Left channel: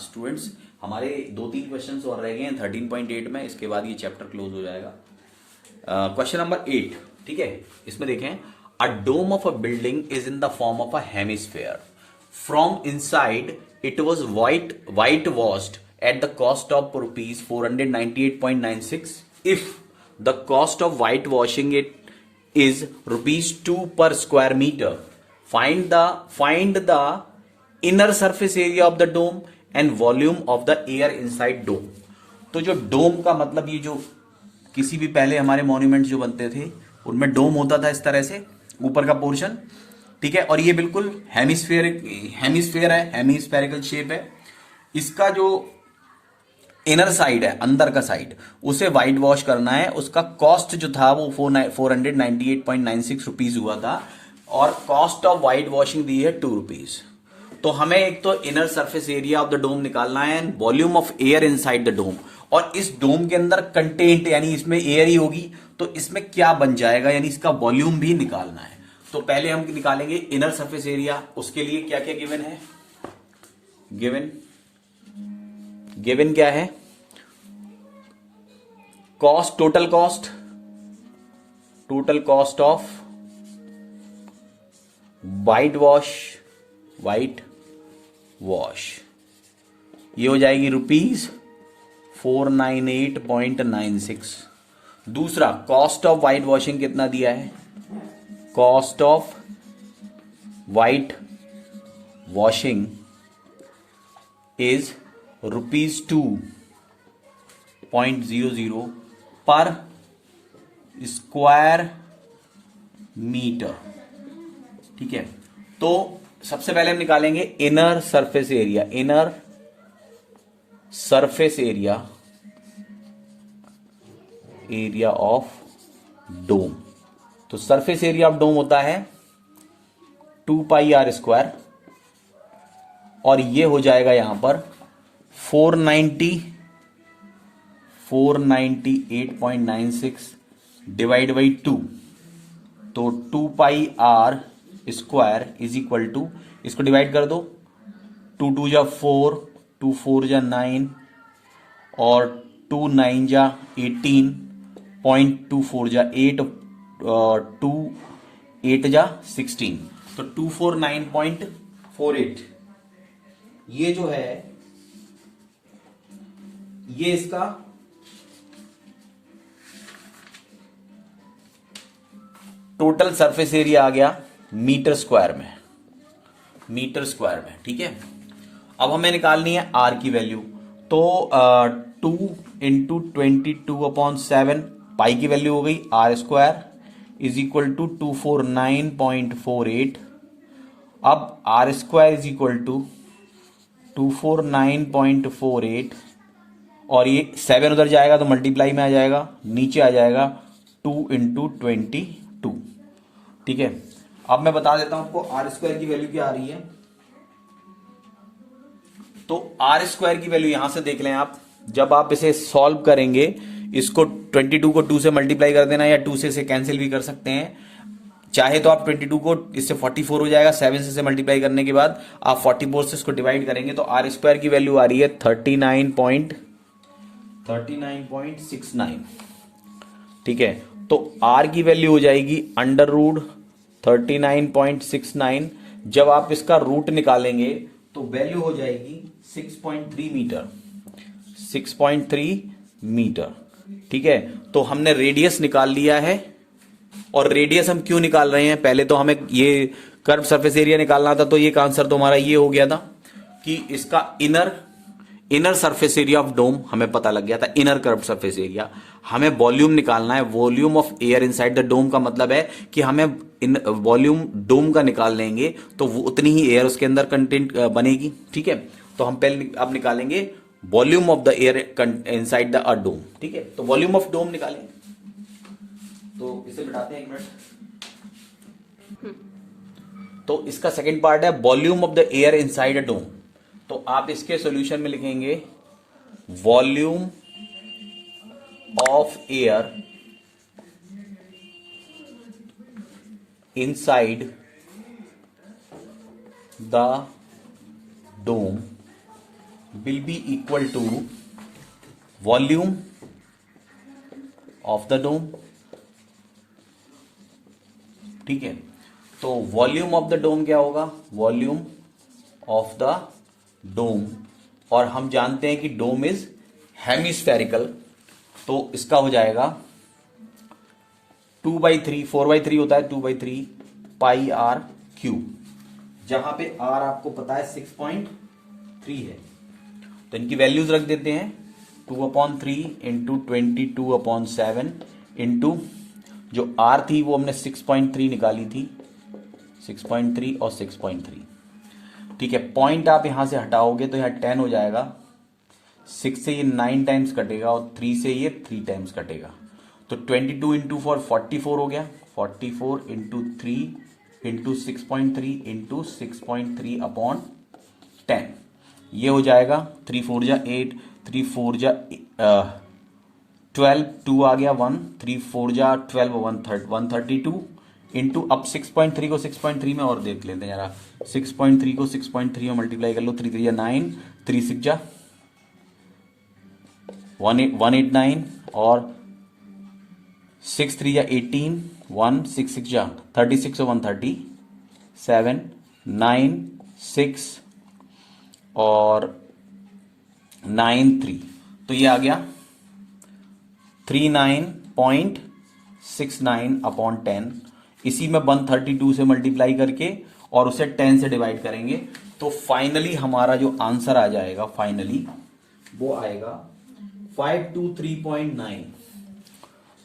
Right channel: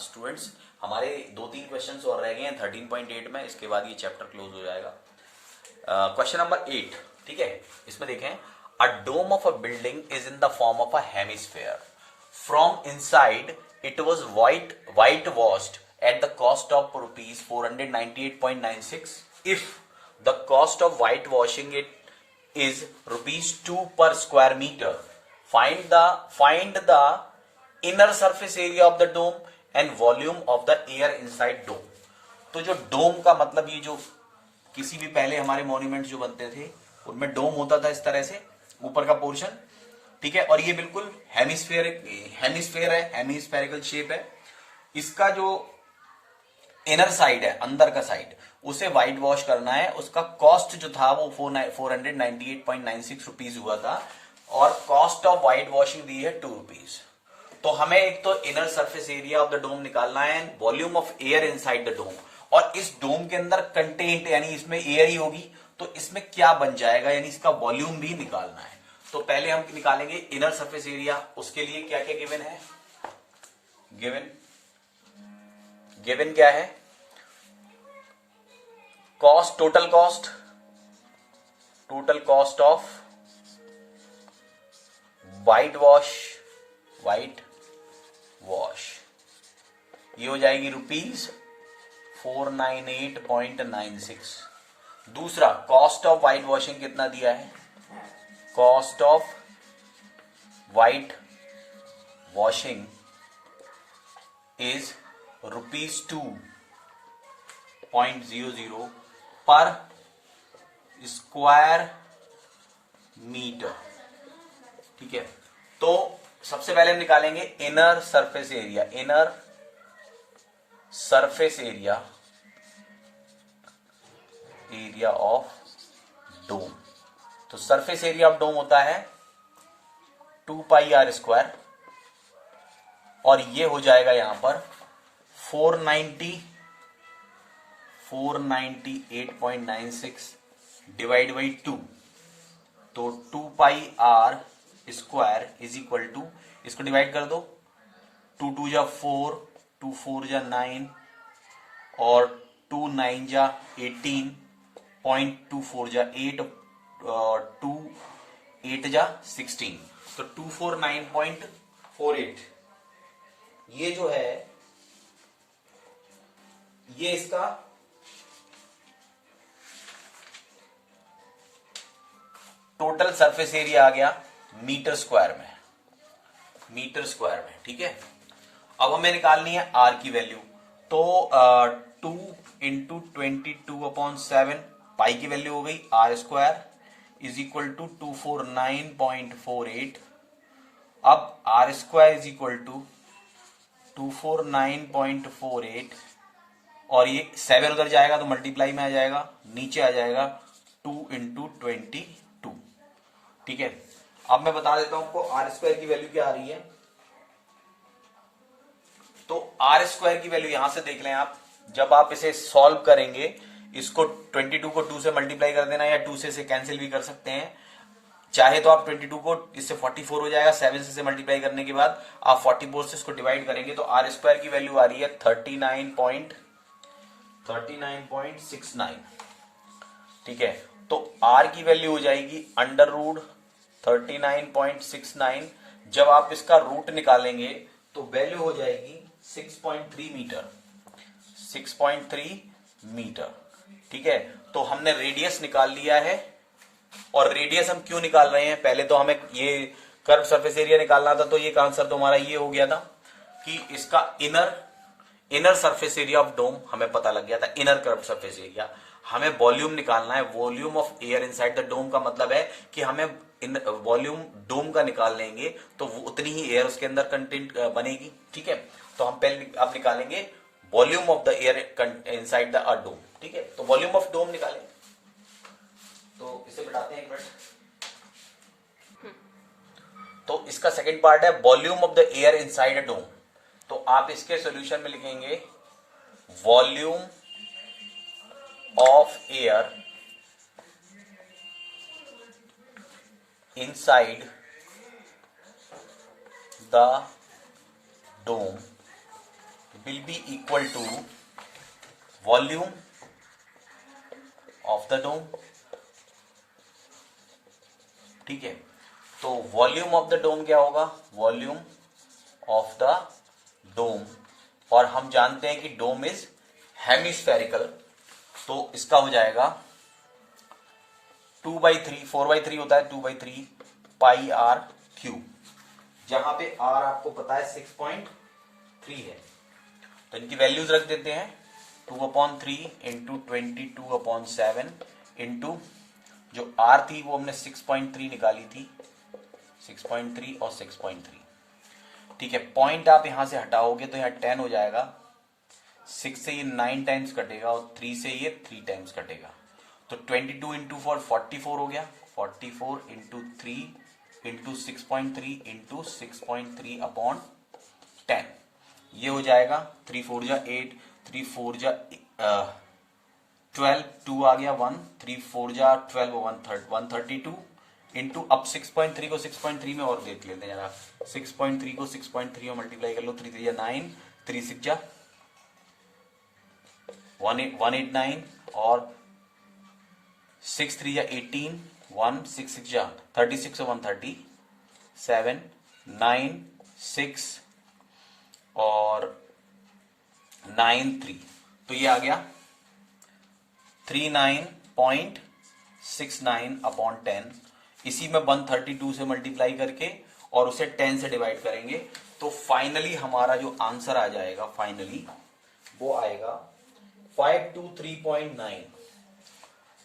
Students हमारे 2-3 questions और रह गए हैं 13.8 में, इसके बाद ये चैप्टर क्लोज हो जाएगा। क्वेश्चन नंबर 8, ठीक है, इसमें देखें, a dome of a building is in the form of a hemisphere, from inside it was white washed at the cost of rupees 498.96. if the cost of whitewashing it is rupees 2 per square meter, find the inner surface area of the dome and volume of the air inside dome. तो जो डोम का मतलब, ये जो किसी भी पहले हमारे मॉन्यूमेंट जो बनते थे उनमें डोम होता था इस तरह से, ऊपर का पोर्शन, ठीक है, और ये बिल्कुल हेमिस्फेयर है, हेमिस्फेरिकल शेप है। इसका जो इनर साइड है, अंदर का साइड, उसे व्हाइट वॉश करना है। उसका कॉस्ट जो था वो 498.96 रुपीज हुआ था, और कॉस्ट ऑफ व्हाइट वॉशिंग दी है 2 रुपीज। तो हमें एक तो inner surface area of the dome निकालना है, volume of air inside the dome, और इस डोम के अंदर कंटेंट यानी इसमें एयर ही होगी, तो इसमें क्या बन जाएगा, यानी इसका वॉल्यूम भी निकालना है। तो पहले हम निकालेंगे इनर सरफेस एरिया। उसके लिए क्या क्या गिवन है, गिवन क्या है, cost, total cost of white wash, ये हो जाएगी रुपीज 498.96। दूसरा, कॉस्ट ऑफ व्हाइट वॉशिंग कितना दिया है, cost of white washing is rupees 2.00 पर स्क्वायर मीटर, ठीक है। तो सबसे पहले हम निकालेंगे inner surface area of dome. तो सरफेस एरिया ऑफ डोम होता है 2 पाई आर स्क्वायर, और ये हो जाएगा यहां पर 498.96 डिवाइड बाई 2। तो 2 pi r square is equal to, इसको डिवाइड कर दो, 2 2 जा 4, 2 4 जा 9, और 2 9 जा 18.24 जा 8, 2 8 जा 16, तो 249.48। ये जो है, ये इसका टोटल सरफेस एरिया आ गया मीटर स्क्वायर में, ठीक है। अब हमें निकालनी है आर की वैल्यू। तो 2 इंटू 22/7 पाई की वैल्यू हो गई r square is equal to 249.48। अब r square is equal to 249.48, और ये 7 उधर जाएगा तो मल्टीप्लाई में आ जाएगा, नीचे आ जाएगा 2 इंटू 22, ठीक है। अब मैं बता देता हूं आपको आर स्क्वायर की वैल्यू क्या आ रही है। तो आर स्क्वायर की वैल्यू यहां से देख लें आप, जब आप इसे सॉल्व करेंगे, इसको 22 को 2 से मल्टीप्लाई कर देना, या 2 से इसे कैंसिल भी कर सकते हैं। चाहे तो आप 22 को इससे 44 हो जाएगा, 7 से मल्टीप्लाई करने के बाद आप 44 से इसको डिवाइड करेंगे, तो आर स्क्वायर की वैल्यू आ रही है 39.69, ठीक है। तो आर की वैल्यू हो जाएगी अंडर रूट 39.69। जब आप इसका रूट निकालेंगे तो वैल्यू हो जाएगी 6.3 मीटर, ठीक है। तो हमने रेडियस निकाल लिया है, और रेडियस हम क्यों निकाल रहे हैं, पहले तो हमें ये कर्व सरफेस एरिया निकालना था, तो ये आंसर तो हमारा ये हो गया था कि इसका inner surface area of dome हमें पता लग गया था, इनर कर्व सरफेस एरिया। हमें वॉल्यूम निकालना है, volume of air inside the dome का मतलब है कि हमें वॉल्यूम डोम का निकाल लेंगे तो वो उतनी ही एयर उसके अंदर कंटेंट बनेगी, ठीक है। तो हम पहले अब निकालेंगे volume of the air inside the dome, ठीक है। तो वॉल्यूम ऑफ डोम निकालेंगे, तो इसे बिठाते हैं 1 मिनट। तो इसका सेकंड पार्ट है volume of the air inside a dome. तो आप इसके सॉल्यूशन में लिखेंगे volume of air inside the dome will be equal to volume of the dome. ठीक है, तो वॉल्यूम ऑफ द डोम क्या होगा? वॉल्यूम ऑफ द डोम, और हम जानते हैं कि डोम इज हेमिस्फेरिकल, तो इसका हो जाएगा 2/3, 4/3 होता है 2/3 पाई आर क्यूब, जहां पे आर आपको पता है 6.3 है, तो इनकी वैल्यूज रख देते हैं 2/3 इंटू 22/7 इंटू जो आर थी वो हमने 6.3 निकाली थी, 6.3 और 6.3। ठीक है, पॉइंट आप यहां से हटाओगे तो यहां 10 हो जाएगा, 6 से ये 9 टाइम्स कटेगा और 3 से ये 3 टाइम्स कटेगा, तो 22 इंटू 4 44 हो गया, 44 इंटू 3 इंटू 6.3 इंटू 6.3/10, ये हो जाएगा 3 4 जा 8, 3 4 जा 12, 2 आ गया 1, 3 4 जा 12, 132 इंटू, अब 6.3 को 6.3 में और देख लेते हैं जरा, 6.3 को 6.3 में मल्टीप्लाई कर लो, 3 3 जा 9, 3 6 जा 189 और 6 3 जा 18, 1 6 6 जा 36 और 137, 9 6 और 9 3, तो ये आ गया 39.69/10, इसी में 132 से मल्टीप्लाई करके और उसे 10 से डिवाइड करेंगे, तो फाइनली हमारा जो आंसर आ जाएगा, फाइनली वो आएगा 523.9,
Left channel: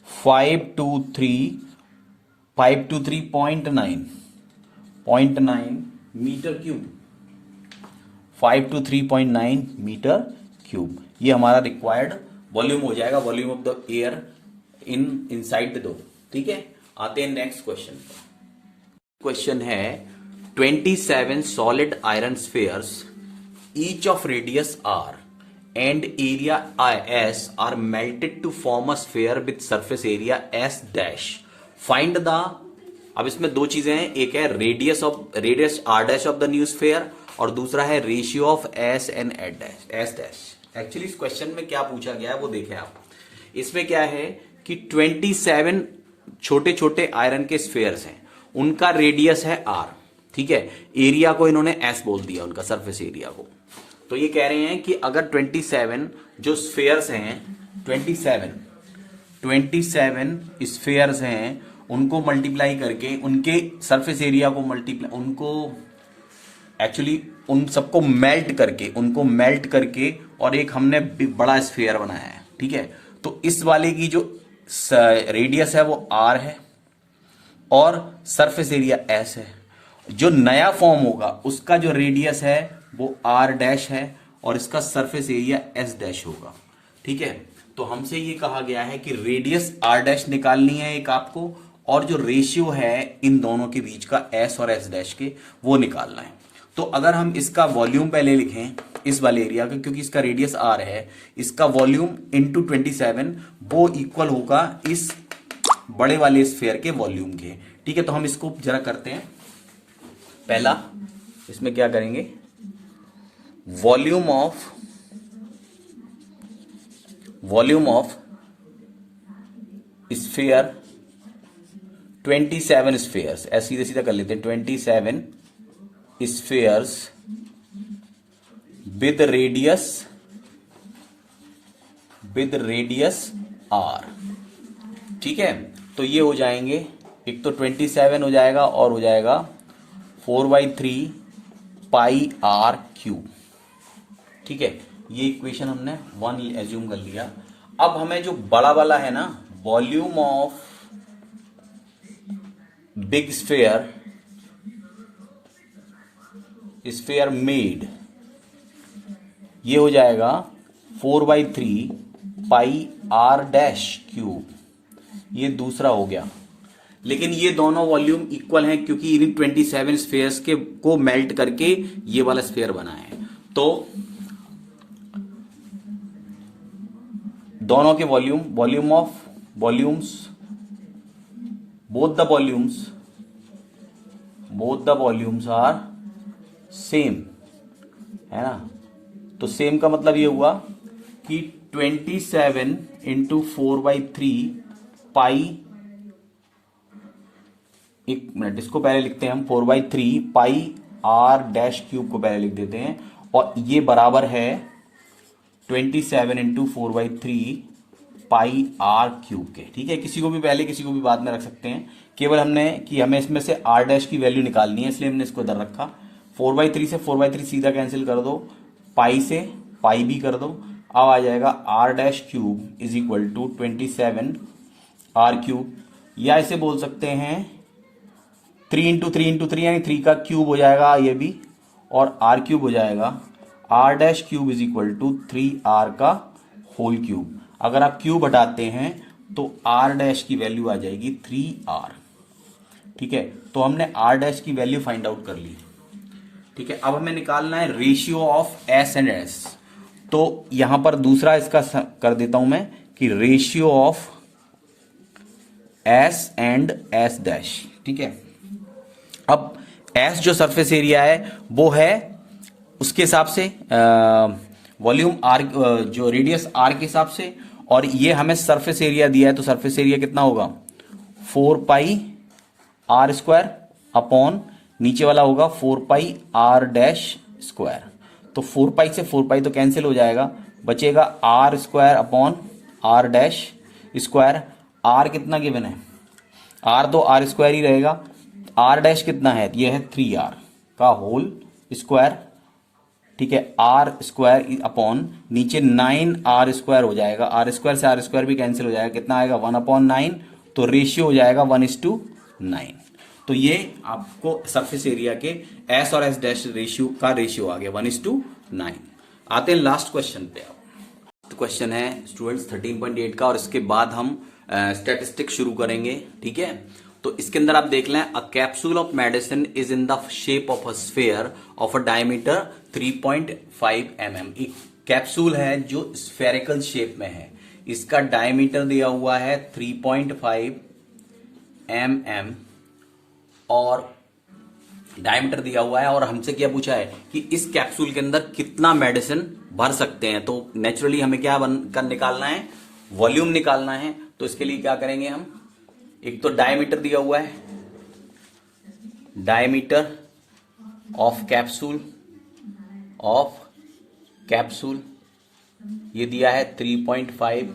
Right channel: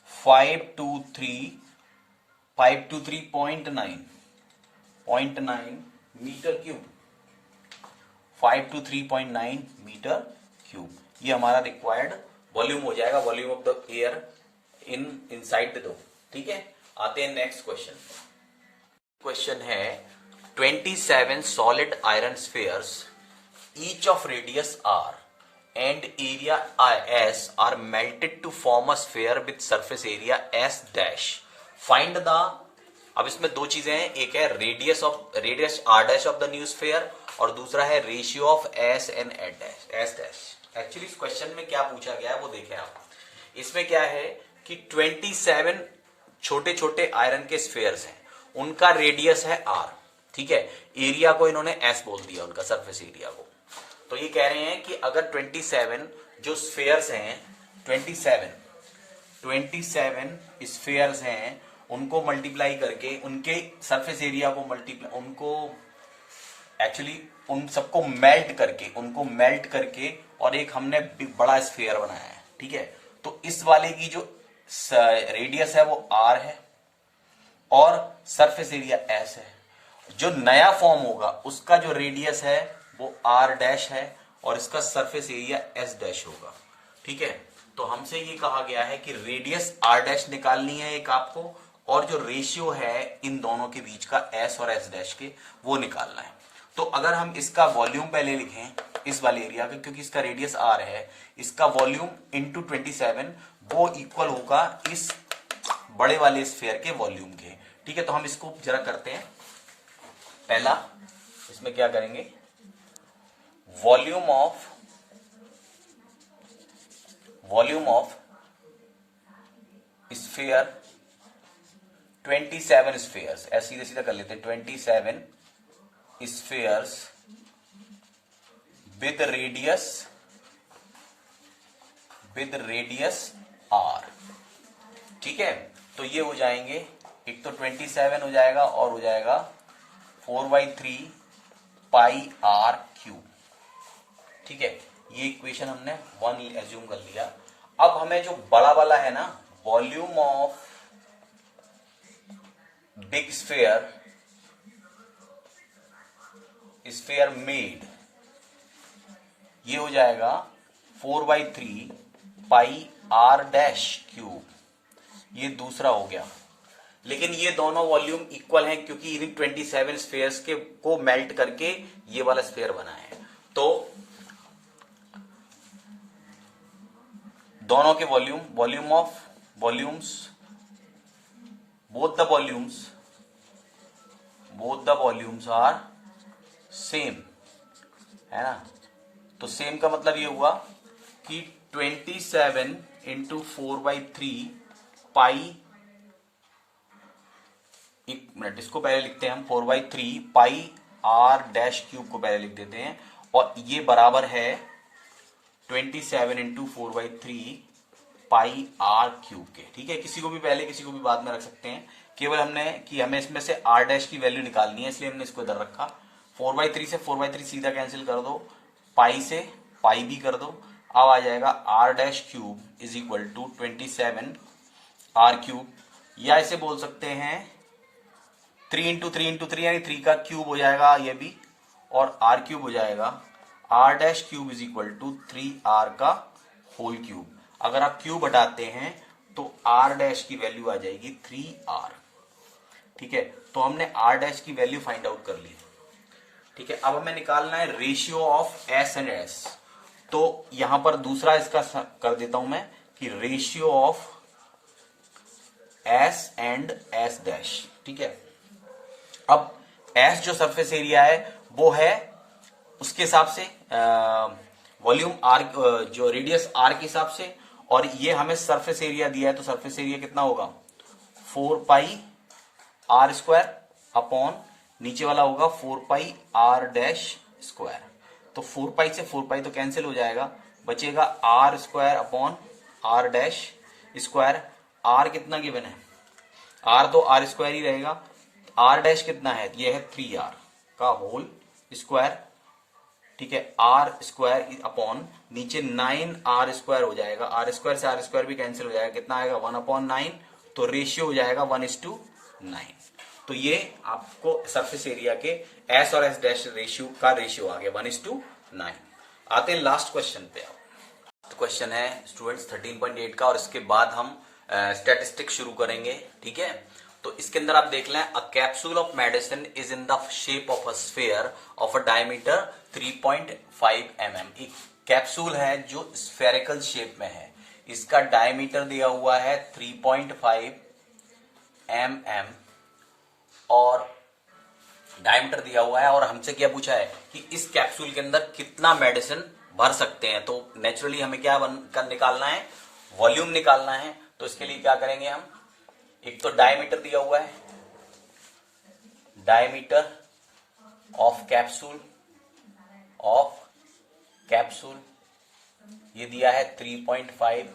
523.9 मीटर क्यूब, 523.9 मीटर क्यूब, ये हमारा रिक्वायर्ड वॉल्यूम हो जाएगा, volume of the air inside the dome. ठीक है, आते हैं नेक्स्ट क्वेश्चन। क्वेश्चन है 27 solid iron spheres each of radius R and area S are melted to form a sphere with surface area S dash, find the, अब इसमें दो चीजें हैं, एक है radius R dash of the new sphere और दूसरा है ratio of S and S dash. Actually इस क्वेश्चन में क्या पूछा गया है वो देखें आप, इसमें क्या है कि 27 छोटे छोटे आयरन के स्फीयर्स हैं, उनका रेडियस है आर, ठीक है, एरिया को इन्होंने एस बोल दिया, उनका सरफेस एरिया को, तो ये कह रहे हैं कि अगर 27 जो स्फीयर्स हैं, 27 स्फीयर्स हैं, उनको मल्टीप्लाई करके उनके सरफेस एरिया को मल्टीप्लाई, उन सबको मेल्ट करके और एक हमने बड़ा स्फीयर बनाया है, ठीक है, तो इस वाले की जो रेडियस है वो आर है और सरफेस एरिया एस है, जो नया फॉर्म होगा उसका जो रेडियस है वो आर डैश है और इसका सरफेस एरिया एस डैश होगा। ठीक है, तो हमसे ये कहा गया है कि रेडियस आर डैश निकालनी है एक आपको, और जो रेशियो है इन दोनों के बीच का एस और एस डैश के, वो निकालना है। तो अगर हम इसका वॉल्यूम पहले लिखें इस वाले एरिया का, क्योंकि इसका रेडियस आर है, इसका वॉल्यूम इंटू 27 वो इक्वल होगा इस बड़े वाले स्फीयर के वॉल्यूम के। ठीक है, तो हम इसको जरा करते हैं। पहला इसमें क्या करेंगे, वॉल्यूम ऑफ स्फीयर 27 स्फीयर्स, ऐसे सीधे सीधा कर लेते हैं, 27 स्फीयर्स विद रेडियस आर। ठीक है, तो ये हो जाएंगे, एक तो 27 हो जाएगा और हो जाएगा 4/3 पाई आर क्यूब। ठीक है, ये इक्वेशन हमने 1 एज्यूम कर लिया। अब हमें जो बड़ा वाला है ना, volume of big sphere made, ये हो जाएगा 4/3 पाई आर डैश क्यूब, ये दूसरा हो गया। लेकिन ये दोनों वॉल्यूम इक्वल हैं क्योंकि इन 27 स्फीयर्स के को मेल्ट करके ये वाला स्फीयर बना है, तो दोनों के both the volumes are same, है ना, तो सेम का मतलब ये हुआ कि 27 इंटू 4/3 पाई, एक मिनट इसको पहले लिखते हैं हम, 4/3 पाई आर डैश क्यूब को पहले लिख देते हैं, और ये बराबर है 27 इंटू 4/3 पाई आर क्यूब के। ठीक है, किसी को भी पहले किसी को भी बाद में रख सकते हैं, केवल हमने कि हमें इसमें से आर डैश की वैल्यू निकालनी है इसलिए हमने इसको इधर रखा। 4/3 से 4/3 सीधा कैंसिल कर दो, पाई से पाई भी कर दो, अब आ जाएगा R dash cube is equal to 27 R cube, या इसे बोल सकते हैं 3 इंटू 3 इंटू 3 यानी 3 का क्यूब हो जाएगा ये भी, और आर क्यूब हो जाएगा R dash cube is equal to 3r का होल क्यूब। अगर आप क्यूब हटाते हैं तो आर डैश की वैल्यू आ जाएगी 3r। ठीक है, तो हमने आर डैश की वैल्यू फाइंड आउट कर ली। ठीक है, अब हमें निकालना है ratio of S and S. तो यहां पर दूसरा इसका कर देता हूं मैं कि ratio of S and S dash. ठीक है, अब एस जो सरफेस एरिया है वो है उसके हिसाब से वॉल्यूम आर, जो रेडियस आर के हिसाब से, और ये हमें सरफेस एरिया दिया है तो सरफेस एरिया कितना होगा 4 पाई आर स्क्वायर अपॉन नीचे वाला होगा 4 पाई आर डैश स्क्वायर। तो 4 पाई से 4 पाई तो कैंसिल हो जाएगा, बचेगा R square upon R dash square. R कितना गिवन है, आर तो आर स्क्वायर ही रहेगा, आर डैश कितना है, ये है 3r का होल स्क्वायर। ठीक है, आर स्क्वायर अपॉन नीचे 9r स्क्वायर हो जाएगा, आर स्क्वायर से आर स्क्वायर भी कैंसिल हो जाएगा, कितना आएगा 1/9, तो रेशियो हो जाएगा 1:9। तो ये आपको सरफेस एरिया के एस और एस डैश रेशियो का रेशियो आ गया 1:9। आते हैं लास्ट क्वेश्चन पे। तो क्वेश्चन है स्टूडेंट्स 13.8 का, और इसके बाद हम स्टैटिस्टिक्स शुरू करेंगे। ठीक है, तो इसके अंदर आप देख लें, a capsule of medicine is in the shape of a sphere of a diameter 3.5 mm। एक कैप्सूल है जो स्फेरिकल शेप में है, इसका डायमीटर दिया हुआ है 3.5 mm, और डायमीटर दिया हुआ है, और हमसे क्या पूछा है कि इस कैप्सूल के अंदर कितना मेडिसिन भर सकते हैं। तो नेचुरली हमें क्या निकालना है, वॉल्यूम निकालना है। तो इसके लिए क्या करेंगे हम, एक तो डायमीटर दिया हुआ है, डायमीटर ऑफ कैप्सूल ये दिया है 3.5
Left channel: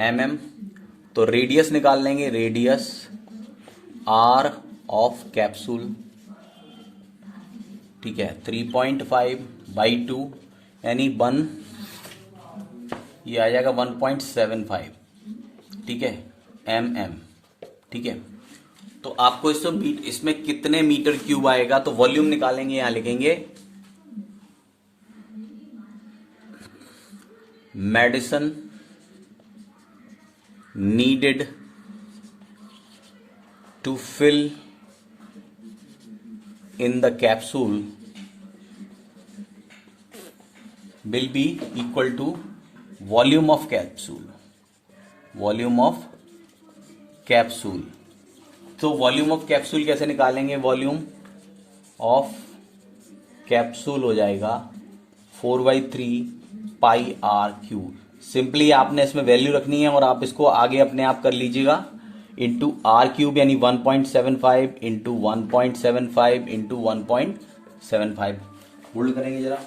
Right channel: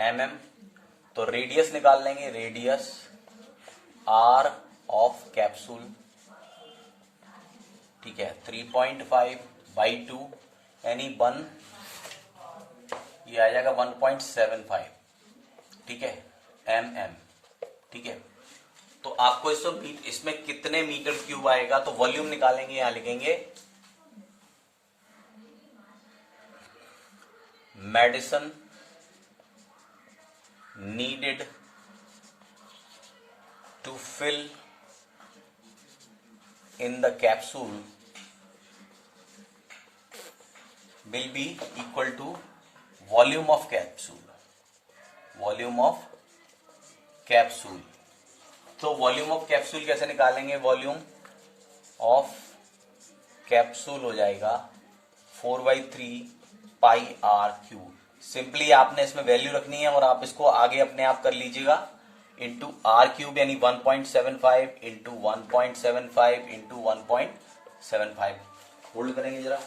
mm। तो रेडियस निकाल लेंगे, रेडियस आर ऑफ कैप्सूल। ठीक है, 3.5/2 यानी 1, ये आ जाएगा 1.75। ठीक है, mm। ठीक है, तो आपको इसमें कितने मीटर क्यूब आएगा, तो वॉल्यूम निकालेंगे, यहां लिखेंगे medicine needed to fill in the capsule will be equal to volume of capsule. तो वॉल्यूम ऑफ कैप्सूल कैसे निकालेंगे, वॉल्यूम ऑफ कैप्सूल हो जाएगा 4/3 पाई आर क्यूब। सिंपली आपने इसमें वैल्यू रखनी है और आप इसको आगे अपने आप कर लीजिएगा, इंटू आर क्यूब यानी 1.75 इंटू 1.75 इंटू 1.75। होल्ड करेंगे जरा,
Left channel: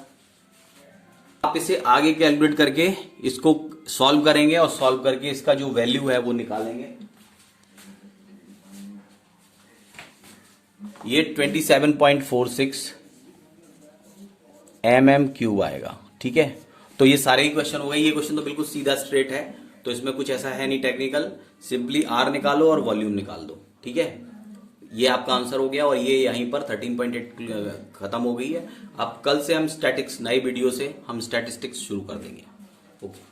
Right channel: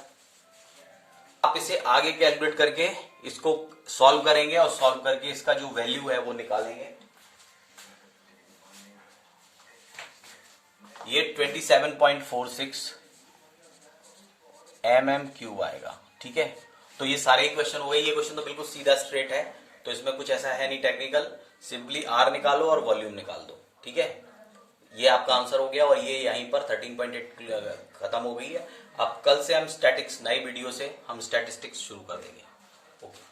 आप इसे आगे कैलकुलेट करके इसको सॉल्व करेंगे और सॉल्व करके इसका जो वैल्यू है वो निकालेंगे। ये 27.46 mm क्यूब आएगा। ठीक है, तो ये सारे ही क्वेश्चन हो गए। ये क्वेश्चन तो बिल्कुल सीधा स्ट्रेट है, तो इसमें कुछ ऐसा है नहीं टेक्निकल, सिंपली आर निकालो और वॉल्यूम निकाल दो। ठीक है, ये आपका आंसर हो गया और ये यहीं पर 13.8 खत्म हो गई है। अब कल से हम स्टैटिक्स, नई वीडियो से हम स्टैटिस्टिक्स शुरू कर देंगे। ओके।